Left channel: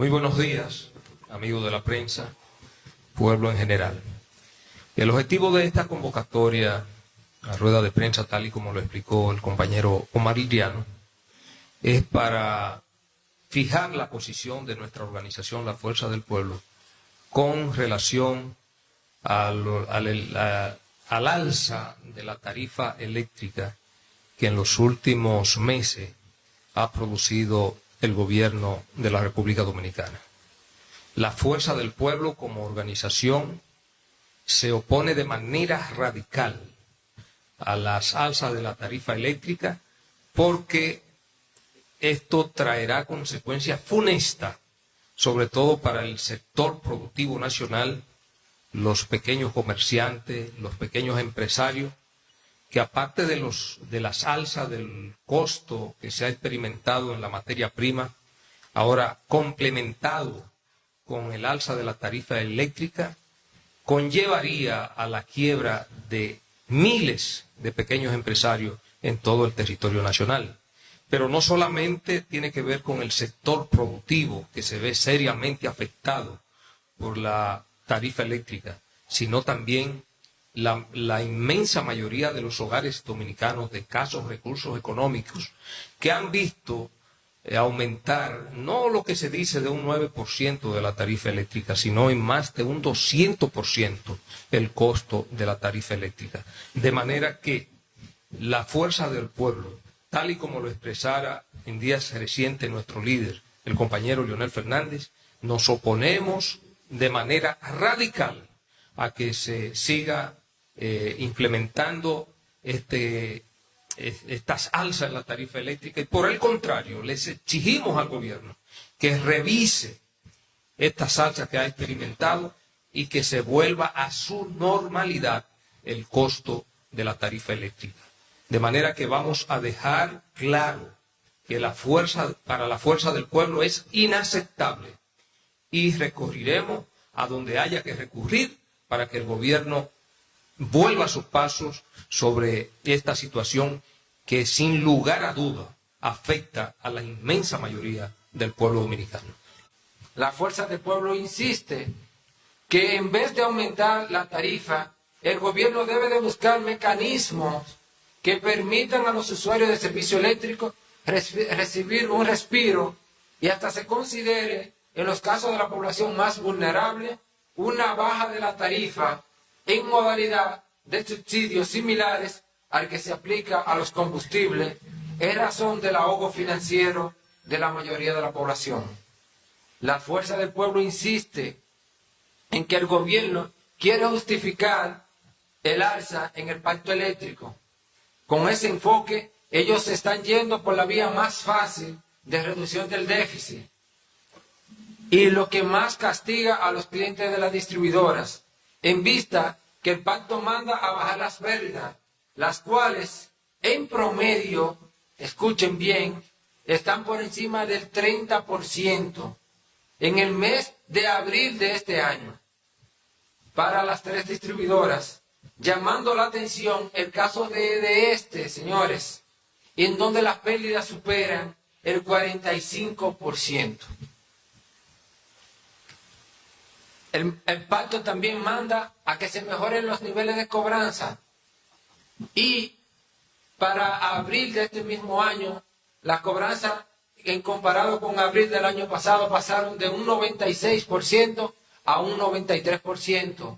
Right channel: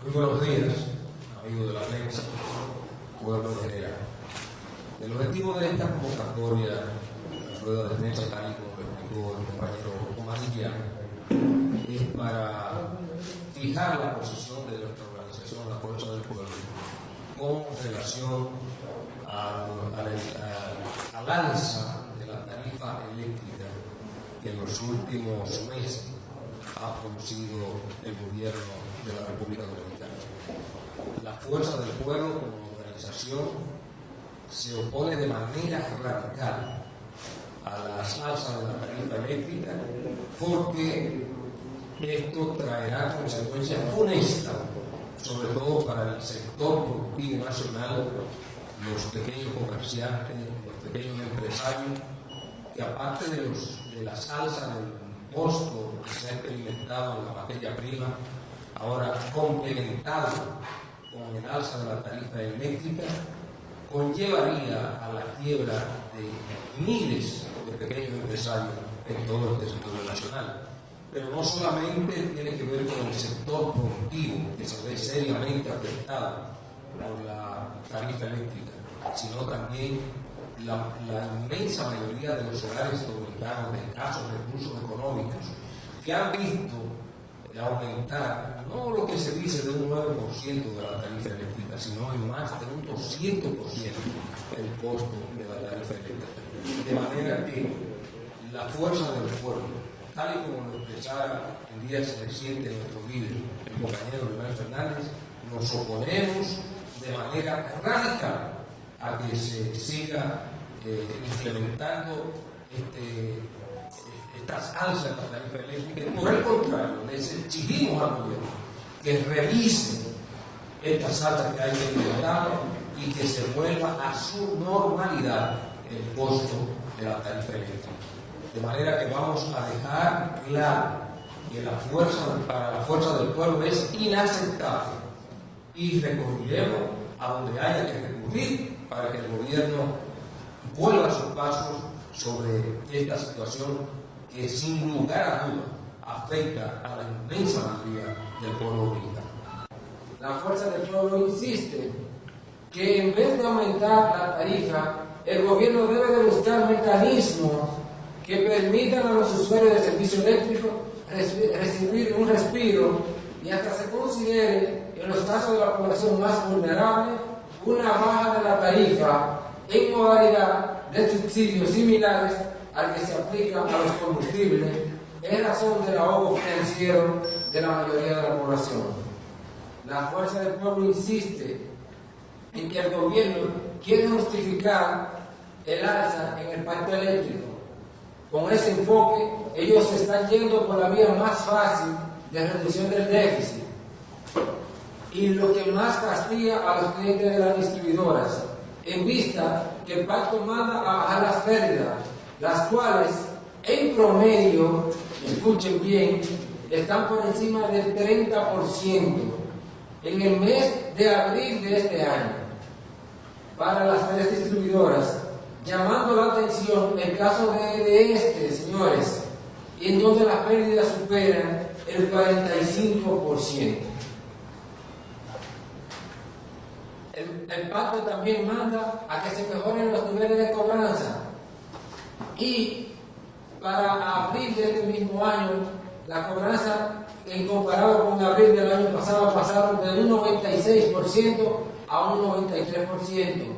Muy buenos días, amigos de la prensa, pueblo en general. El objetivo de esta convocatoria, la rueda de prensa, tal y como lo explicó el compañero Omar Liriano, es para fijar la posición de nuestra organización, la Fuerza del Pueblo, con relación al alza de la tarifa eléctrica que en los últimos meses ha producido el gobierno de la República Dominicana. La Fuerza del Pueblo como organización se opone de manera radical a las alzas de la tarifa eléctrica porque esto traerá consecuencias funestas, sobre todo para el sector productivo nacional, los pequeños comerciantes, los pequeños empresarios, que aparte de las alzas del costo que se ha experimentado en la materia prima, ahora complementado con el alza de la tarifa eléctrica, conllevaría a la quiebra de miles de pequeños empresarios en todo el territorio nacional. Pero no solamente tiene que ver con el sector productivo, que se ve seriamente afectado por la tarifa eléctrica, sino también la inmensa mayoría de los hogares dominicanos de escasos recursos económicos que han visto aumentar no lo que se dice de un 9% de la tarifa eléctrica, sino en más de un 200% el costo de la tarifa eléctrica. De manera que la Fuerza del Pueblo, tal y como lo expresara en días recientes nuestro líder, el compañero Leonel Fernández, nos oponemos de manera radical a que se siga implementando estas alzas en la tarifa eléctrica, y por el contrario, les exigimos al gobierno que revise estas alzas que ha experimentado y que se vuelva a su normalidad el costo de la tarifa eléctrica. De manera que vamos a dejar claro que para la Fuerza del Pueblo es inaceptable y recurriremos a donde haya que recurrir para que el gobierno vuelva a sus pasos sobre esta situación que sin lugar a duda afecta a la inmensa mayoría del pueblo dominicano. La Fuerza del Pueblo insiste que en vez de aumentar la tarifa, el gobierno debe de buscar mecanismos que permitan a los usuarios de servicio eléctrico recibir un respiro y hasta se considere, en los casos de la población más vulnerable, una baja de la tarifa en modalidad de subsidios similares al que se aplica a los combustibles en razón del ahogo financiero de la mayoría de la población. La Fuerza del Pueblo insiste en que el gobierno quiere justificar el alza en el pacto eléctrico. Con ese enfoque, ellos se están yendo por la vía más fácil de reducción del déficit y lo que más castiga a los clientes de las distribuidoras, en vista que el pacto manda a bajar las pérdidas, las cuales en promedio, escuchen bien, están por encima del 30% en el mes de abril de este año para las 3 distribuidoras, llamando la atención el caso de señores, en donde las pérdidas superan el 45%. El pacto también manda a que se mejoren los niveles de cobranza y para abril de este mismo año, la cobranza en comparado con abril del año pasado pasaron de un 96% a un 93%,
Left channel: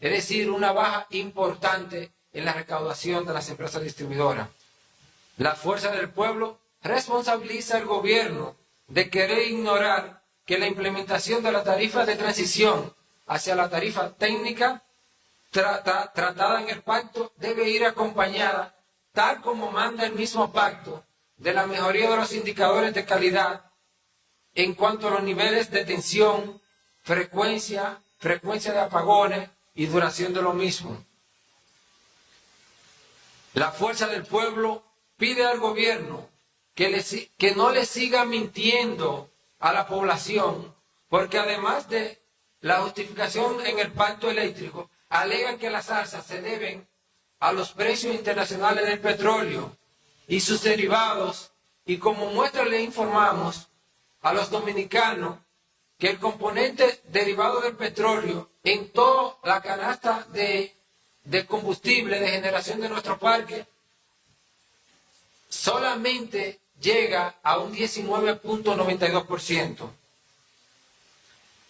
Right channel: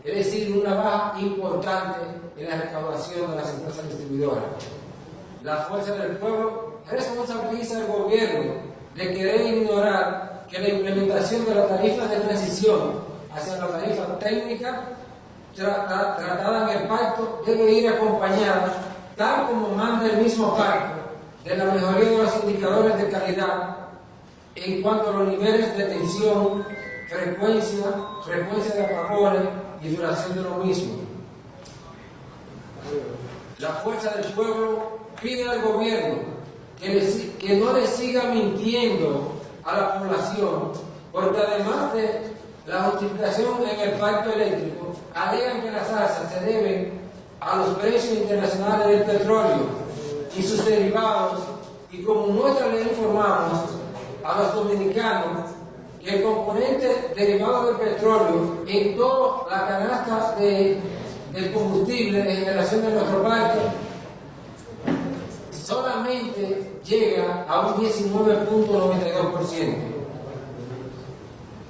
es decir, una baja importante en la recaudación de las empresas distribuidoras. La Fuerza del Pueblo responsabiliza al gobierno de querer ignorar que la implementación de la tarifa de transición hacia la tarifa técnica tratada en el pacto debe ir acompañada, tal como manda el mismo pacto, de la mejoría de los indicadores de calidad en cuanto a los niveles de tensión, frecuencia de apagones y duración de lo mismo. La Fuerza del Pueblo pide al gobierno que no le siga mintiendo a la población, porque además de la justificación en el pacto eléctrico, alegan que las alzas se deben a los precios internacionales del petróleo y sus derivados, y como muestra le informamos a los dominicanos que el componente derivado del petróleo en toda la canasta del combustible de generación de nuestro parque solamente llega a un 19.92%.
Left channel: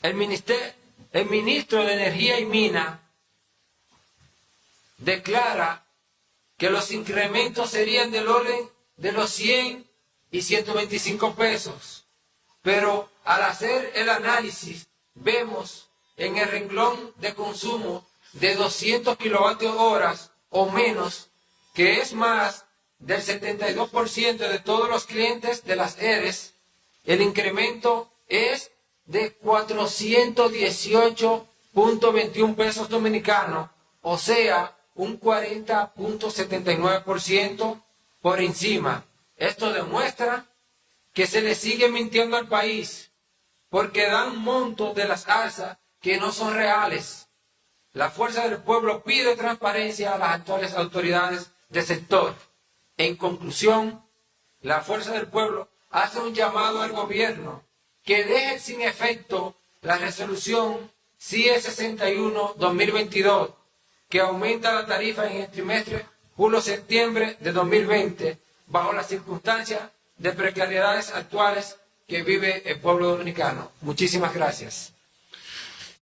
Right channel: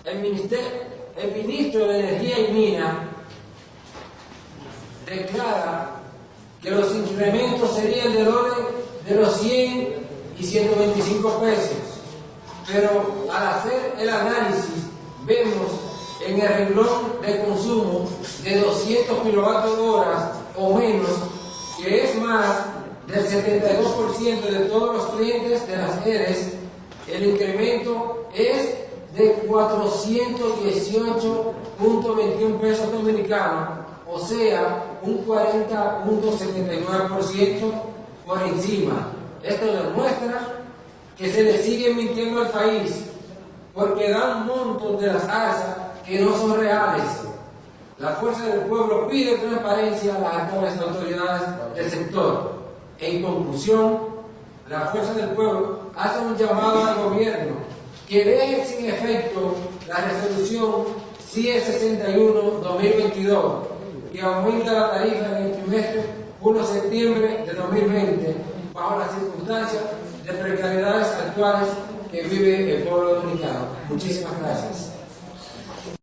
El ministro de Energía y Minas declara que los incrementos serían del orden de los 100 y 125 pesos, pero al hacer el análisis vemos en el renglón de consumo de 200 kilovatios horas o menos, que es más del 72% de todos los clientes de las EDES, el incremento es de 418.21 pesos dominicanos, o sea, un 40.79% por encima. Esto demuestra que se le sigue mintiendo al país, porque dan montos de las alzas que no son reales. La Fuerza del Pueblo pide transparencia a las actuales autoridades del sector. En conclusión, la Fuerza del Pueblo hace un llamado al gobierno que deje sin efecto la resolución CIE 61-2022, que aumenta la tarifa en el trimestre julio-septiembre de 2020, bajo las circunstancias de precariedades actuales que vive el pueblo dominicano. Muchísimas gracias.